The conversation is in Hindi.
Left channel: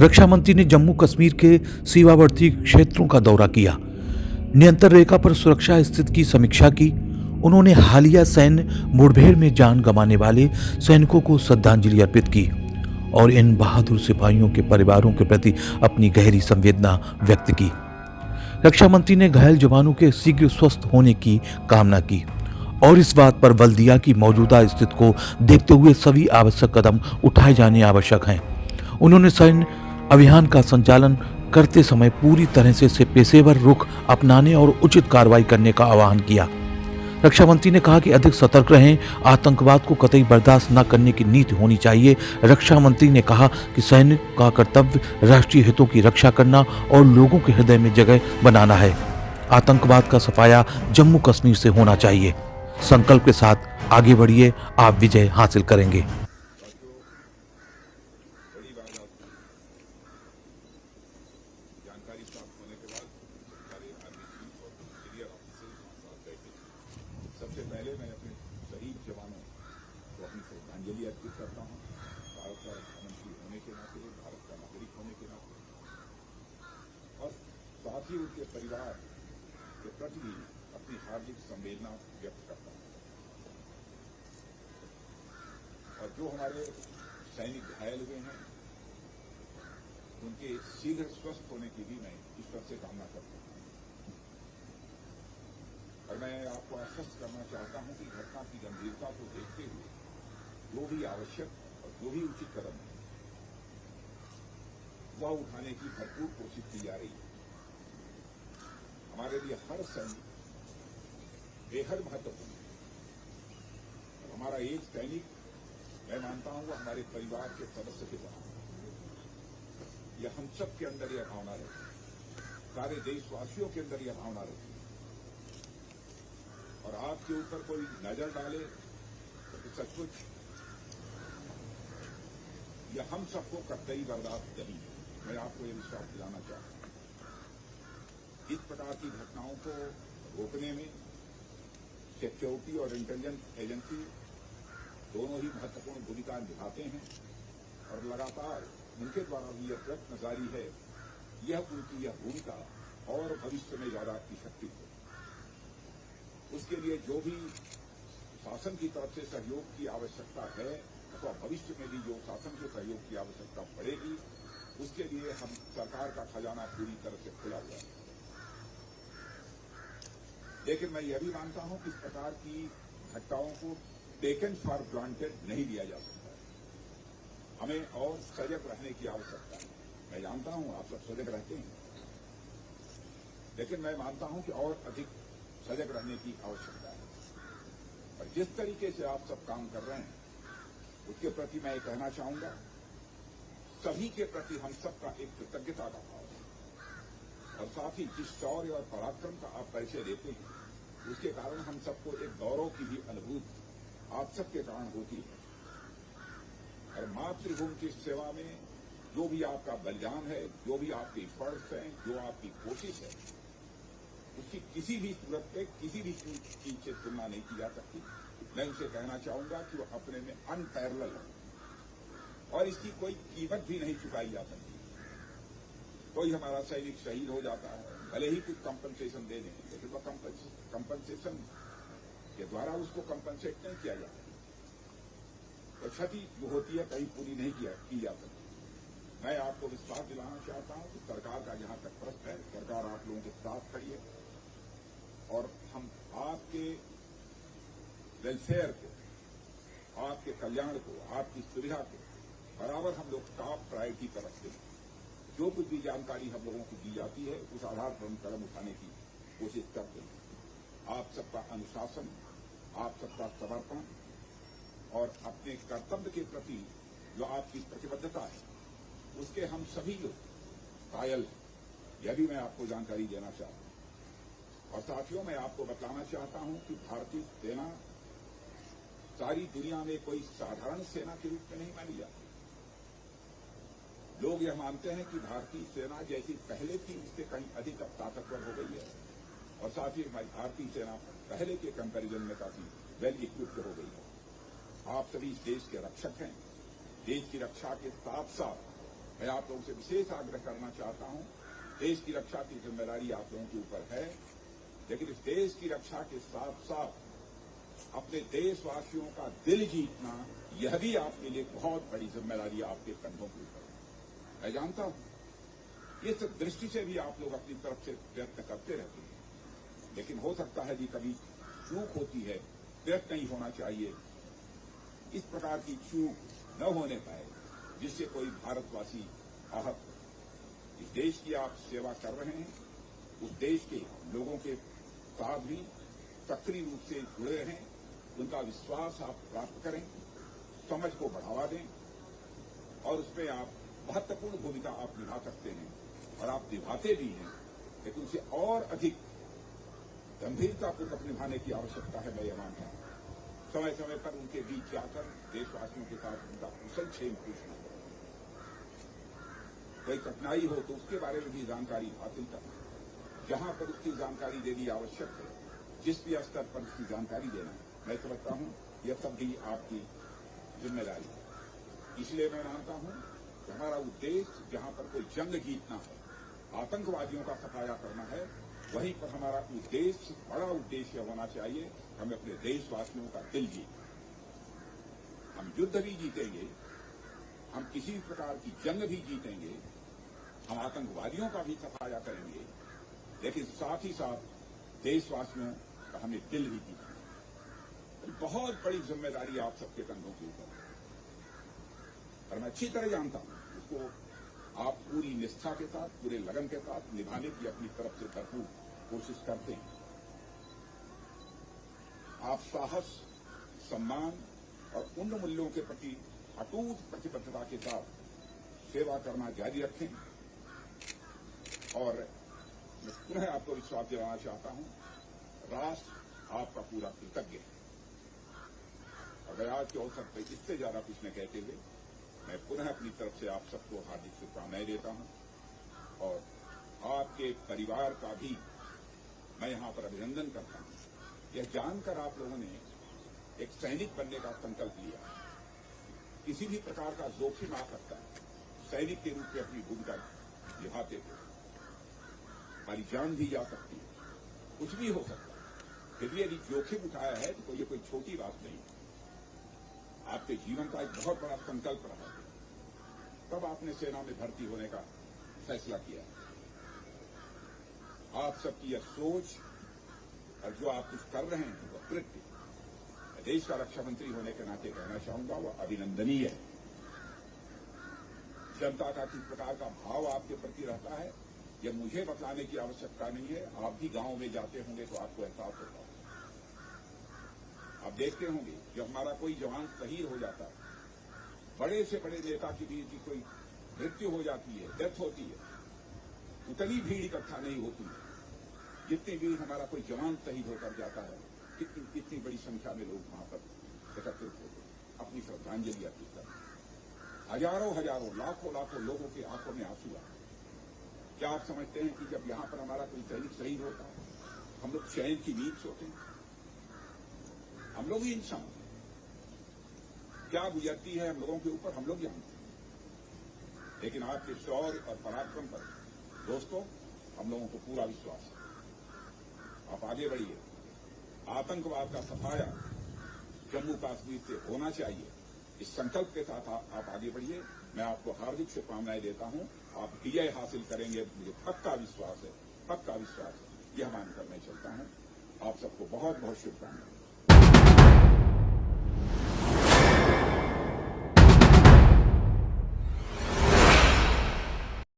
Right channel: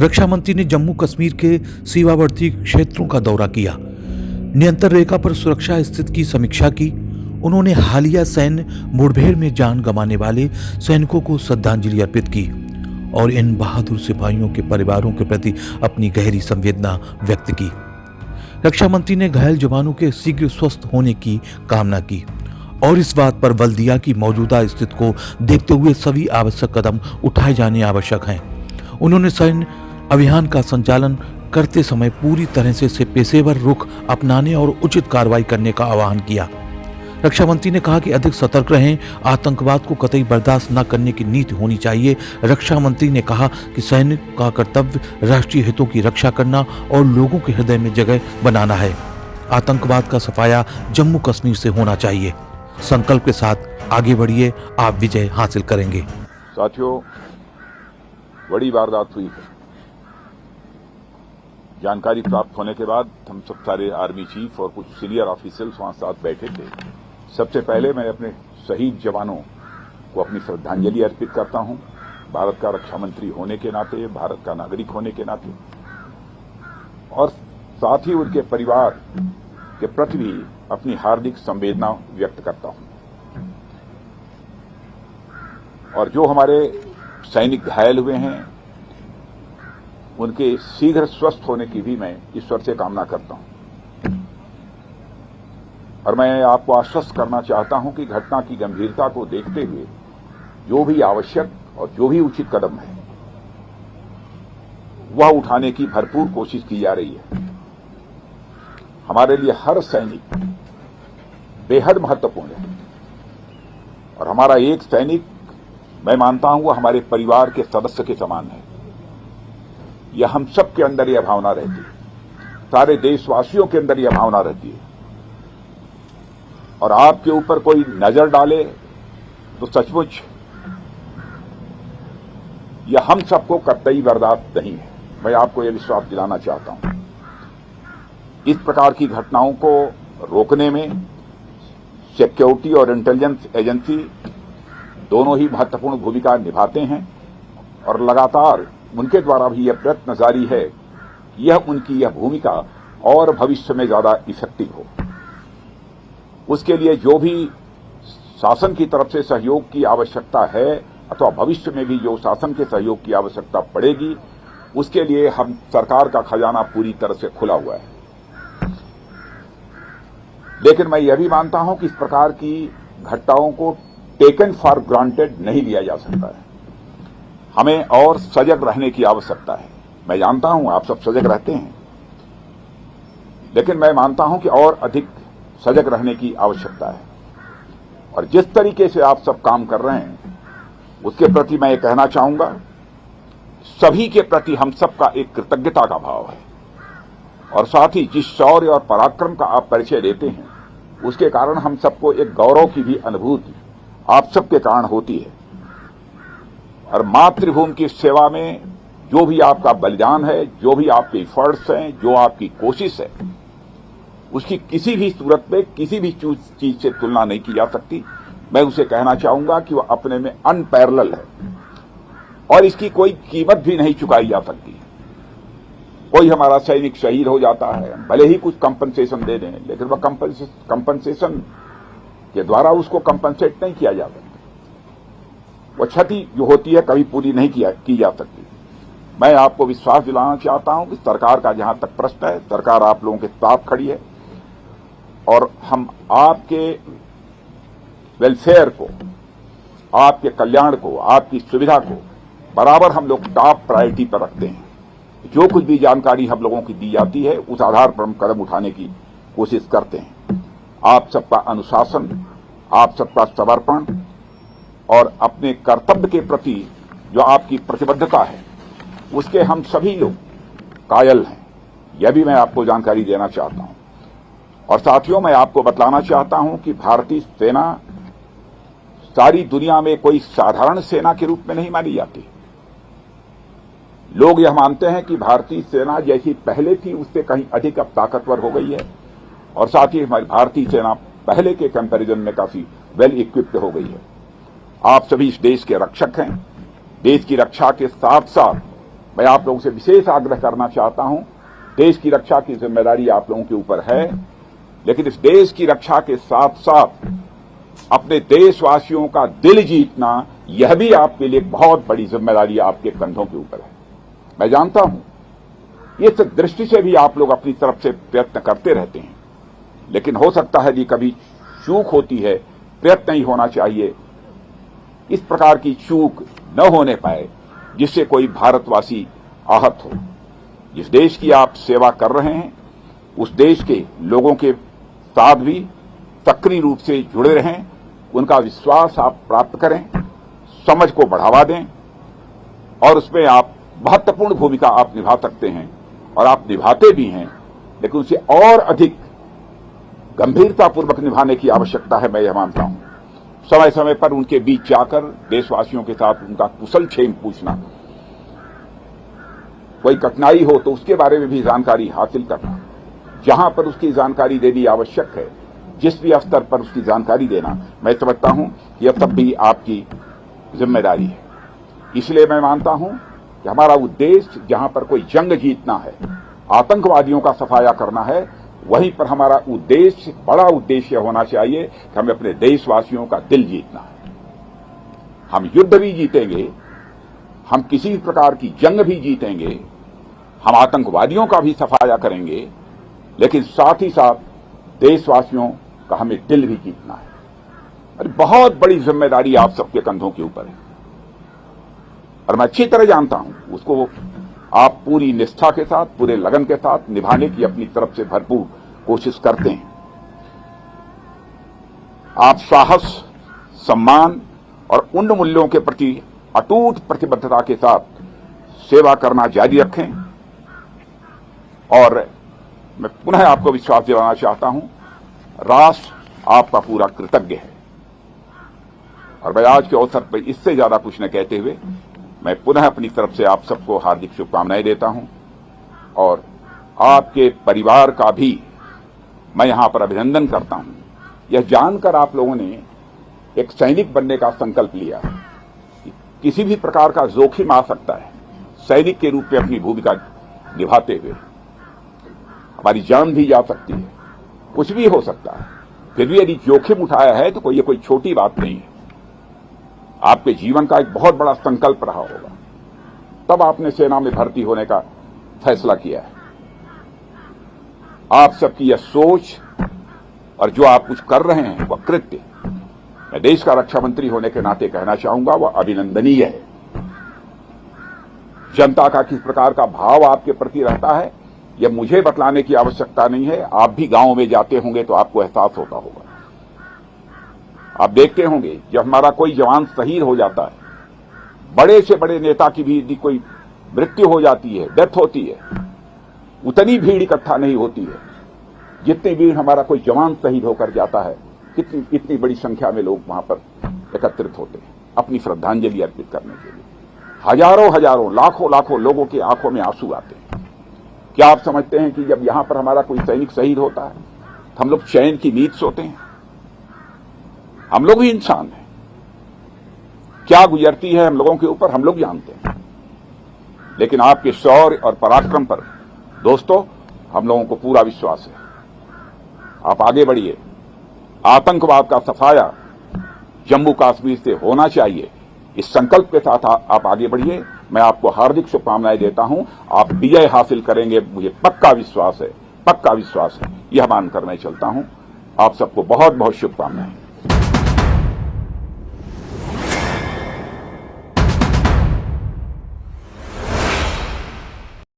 रक्षा मंत्री ने जम्मू कश्मीर के सीमावर्ती क्षेत्रों का दौरा किया, नियंत्रण रेखा पर सुरक्षा स्थिति की समीक्षा की। उन्होंने हालिया सैन्य मुठभेड़ में जान गंवाने वाले सैनिकों को श्रद्धांजलि अर्पित की और इन बहादुर सिपाहियों के परिवारों के प्रति अपनी गहरी संवेदना व्यक्त की। रक्षा मंत्री ने घायल जवानों के शीघ्र स्वस्थ होने की कामना की और इस बात पर बल दिया कि मौजूदा स्थिति को देखते हुए सभी आवश्यक कदम उठाए जाने आवश्यक हैं। उन्होंने सैन्य अभियान का संचालन करते समय पूरी तरह से पेशेवर रुख अपनाने और उचित कार्रवाई करने का आह्वान किया। रक्षा मंत्री ने कहा कि अधिक सतर्क रहें, आतंकवाद को कतई बर्दाश्त न करने की नीति होनी चाहिए। रक्षा मंत्री ने कहा कि सैनिक का कर्तव्य राष्ट्रीय हितों की रक्षा करना और लोगों के हृदय में जगह बनाना है। आतंकवाद का सफाया जम्मू कश्मीर से होना चाहिए। संकल्प के साथ आगे बढ़िए, आप विजय हासिल करेंगे। साथियों, बड़ी वारदात हुई है। जानकारी प्राप्त होने के बाद हम सब सारे आर्मी चीफ और कुछ सीनियर ऑफिसर्स वहां साथ बैठे थे। सबसे पहले मैं अपने शहीद जवानों को अपनी श्रद्धांजलि अर्पित करता हूं, भारत का रक्षा मंत्री होने के नाते, भारत का नागरिक होने के नाते, और साथ ही उनके परिवार के प्रति भी अपनी हार्दिक संवेदना व्यक्त करता हूं। और जो हमारे सैनिक घायल हुए हैं, उनके शीघ्र स्वस्थ होने की भी मैं ईश्वर से कामना करता हूं। और मैं आपको आश्वस्त करना चाहता हूं कि घटना की गंभीरता को देखते हुए जो भी आवश्यक और जो भी उचित कदम है वह उठाने की भरपूर कोशिश की जा रही है। हमारे लिए हर सैनिक बेहद महत्वपूर्ण है और हमारा एक सैनिक, मैं मानता हूं, वह हमारे परिवार के सदस्य के समान है। यह हम सब के अंदर यह भावना रहती है, सारे देशवासियों के अंदर यह भावना रहती है। और आपके ऊपर कोई नजर डाले तो सचमुच यह हम सबको कतई बर्दाश्त नहीं है। मैं आपको यह विश्वास दिलाना चाहता हूं। इस प्रकार की घटनाओं को रोकने में सिक्योरिटी और इंटेलिजेंस एजेंसी दोनों ही महत्वपूर्ण भूमिका निभाते हैं और लगातार उनके द्वारा भी यह प्रयत्न जारी है कि यह उनकी यह भूमिका और भविष्य में ज्यादा इफेक्टिव हो। उसके लिए जो भी शासन की तरफ से सहयोग की आवश्यकता है अथवा भविष्य में भी जो शासन के सहयोग की आवश्यकता पड़ेगी, उसके लिए हम सरकार का खजाना पूरी तरह से खुला हुआ है। लेकिन मैं यह भी मानता हूं कि इस प्रकार की घटनाओं को टेकन फॉर ग्रांटेड नहीं लिया जा सकता है। हमें और सजग रहने की आवश्यकता है। मैं जानता हूं आप सब सजग रहते हैं, लेकिन मैं मानता हूं कि और अधिक सजग रहने की आवश्यकता है। और जिस तरीके से आप सब काम कर रहे हैं उसके प्रति मैं ये कहना चाहूंगा, सभी के प्रति हम सबका एक कृतज्ञता का भाव है। और साथ ही जिस शौर्य और पराक्रम का आप परिचय देते हैं, उसके कारण हम सबको एक गौरव की भी अनुभूति आप सबके कारण होती है। और मातृभूमि की सेवा में जो भी आपका बलिदान है, जो भी आपके एफर्ट्स हैं, जो आपकी कोशिश है, उसकी किसी भी सूरत में किसी भी चीज से तुलना नहीं की जा सकती। मैं उसे कहना चाहूंगा कि वह अपने में अनपैरेलल है और इसकी कोई कीमत भी नहीं चुकाई जा सकती। कोई हमारा सैनिक शहीद हो जाता है, भले ही कुछ कंपनसेशन दे दें, लेकिन वह कंपनसेशन के द्वारा उसको कंपनसेट नहीं किया जा सकता। वह क्षति जो होती है कभी पूरी नहीं की जा सकती। मैं आपको विश्वास दिलाना चाहता हूं कि सरकार का जहां तक प्रश्न है, सरकार आप लोगों के साथ खड़ी है और हम आपके वेलफेयर को, आपके कल्याण को, आपकी सुविधा को बराबर हम लोग टॉप प्रायोरिटी पर रखते हैं। जो कुछ भी जानकारी हम लोगों की दी जाती है उस आधार पर हम कदम उठाने की कोशिश करते हैं। आप सबका अनुशासन, आप सबका समर्पण और अपने कर्तव्य के प्रति जो आपकी प्रतिबद्धता है, उसके हम सभी लोग कायल हैं। यह भी मैं आपको जानकारी देना चाहता हूं। और साथियों, मैं आपको बतलाना चाहता हूं कि भारतीय सेना सारी दुनिया में कोई साधारण सेना के रूप में नहीं मानी जाती। लोग यह मानते हैं कि भारतीय सेना जैसी पहले थी उससे कहीं अधिक अब ताकतवर हो गई है और साथ ही हमारी भारतीय सेना पहले के कंपैरिजन में काफी वेल इक्विप्ड हो गई है। आप सभी इस देश के रक्षक हैं। देश की रक्षा के साथ साथ मैं आप लोगों से विशेष आग्रह करना चाहता हूं, देश की रक्षा की जिम्मेदारी आप लोगों के ऊपर है, लेकिन इस देश की रक्षा के साथ साथ अपने देशवासियों का दिल जीतना यह भी आपके लिए बहुत बड़ी जिम्मेदारी आपके कंधों के ऊपर है। मैं जानता हूं इस दृष्टि से भी आप लोग अपनी तरफ से प्रयत्न करते रहते हैं, लेकिन हो सकता है कि कभी चूक होती है, प्रयत्न ही होना चाहिए। इस प्रकार की चूक न होने पाए जिससे कोई भारतवासी आहत हो। जिस देश की आप सेवा कर रहे हैं उस देश के लोगों के साथ भी सक्रिय रूप से जुड़े रहें, उनका विश्वास आप प्राप्त करें, समझ को बढ़ावा दें और उसमें आप महत्वपूर्ण भूमिका आप निभा सकते हैं और आप निभाते भी हैं, लेकिन उसे और अधिक गंभीरतापूर्वक निभाने की आवश्यकता है। मैं यह मानता हूं समय समय पर उनके बीच जाकर देशवासियों के साथ उनका कुशल क्षेम पूछना, कोई कठिनाई हो तो उसके बारे में भी जानकारी हासिल करना, जहां पर उसकी जानकारी देनी आवश्यक है, जिस भी स्तर पर उसकी जानकारी देना, मैं समझता हूं यह तब भी आपकी जिम्मेदारी है। इसलिए मैं मानता हूं कि हमारा उद्देश्य जहां पर कोई जंग जीतना है, आतंकवादियों का सफाया करना है, वहीं पर हमारा उद्देश्य, बड़ा उद्देश्य होना चाहिए कि हमें अपने देशवासियों का दिल जीतना है। हम युद्ध भी जीतेंगे, हम किसी भी प्रकार की जंग भी जीतेंगे, हम आतंकवादियों का भी सफाया करेंगे, लेकिन साथ ही साथ देशवासियों का हमें दिल भी जीतना है। और बहुत बड़ी जिम्मेदारी आप सबके कंधों के ऊपर है और मैं अच्छी तरह जानता हूं उसको आप पूरी निष्ठा के साथ, पूरे लगन के साथ निभाने की अपनी तरफ से भरपूर कोशिश करते हैं। आप साहस, सम्मान और उन मूल्यों के प्रति अटूट प्रतिबद्धता के साथ सेवा करना जारी रखें और मैं पुनः आपको विश्वास दिलाना चाहता हूं, राष्ट्र आपका पूरा कृतज्ञ है। और मैं आज के अवसर पर इससे ज्यादा कुछ न कहते हुए मैं पुनः अपनी तरफ से आप सबको हार्दिक शुभकामनाएं देता हूं और आपके परिवार का भी मैं यहां पर अभिनंदन करता हूं। यह जानकर आप लोगों ने एक सैनिक बनने का संकल्प लिया है। किसी भी प्रकार का जोखिम आ सकता है, सैनिक के रूप में अपनी भूमिका निभाते हुए हमारी जान भी जा सकती है, कुछ भी हो सकता है, फिर भी यदि जोखिम उठाया है तो ये कोई छोटी बात नहीं है। आपके जीवन का एक बहुत बड़ा संकल्प रहा होगा, तब आपने सेना में भर्ती होने का फैसला किया है। आप सबकी यह सोच और जो आप कुछ कर रहे हैं वह कृत्य, मैं देश का रक्षा मंत्री होने के नाते कहना चाहूंगा, वह अभिनंदनीय है। जनता का किस प्रकार का भाव आपके प्रति रहता है यह मुझे बतलाने की आवश्यकता नहीं है। आप भी गांव में जाते होंगे तो आपको एहसास होता होगा। आप देखते होंगे जब हमारा कोई जवान शहीद हो जाता है, बड़े से बड़े नेता की भी यदि कोई मृत्यु हो जाती है, डेथ होती है, उतनी भीड़ इकट्ठा नहीं होती है जितनी भीड़ हमारा कोई जवान शहीद होकर जाता है। इतनी बड़ी संख्या में लोग वहां पर एकत्रित होते हैं अपनी श्रद्धांजलि अर्पित करने के लिए। हजारों हजारों, लाखों लाखों लोगों की आंखों में आंसू आते हैं। क्या आप समझते हैं कि जब यहां पर हमारा कोई सैनिक शहीद होता है तो हम लोग चैन की नींद सोते हैं? हम लोग भी इंसान हैं, क्या गुजरती है हम लोगों के ऊपर हम लोग जानते हैं। लेकिन आपके शौर्य और पराक्रम पर दोस्तों हम लोगों को पूरा विश्वास है। आप आगे बढ़िए, आतंकवाद का सफाया जम्मू कश्मीर से होना चाहिए, इस संकल्प के साथ आप आगे बढ़िए। मैं आपको हार्दिक शुभकामनाएं देता हूं। आप विजय हासिल करेंगे, मुझे पक्का विश्वास है, पक्का विश्वास है। यह मानकर मैं चलता हूं। आप सबको बहुत बहुत शुभकामनाएं।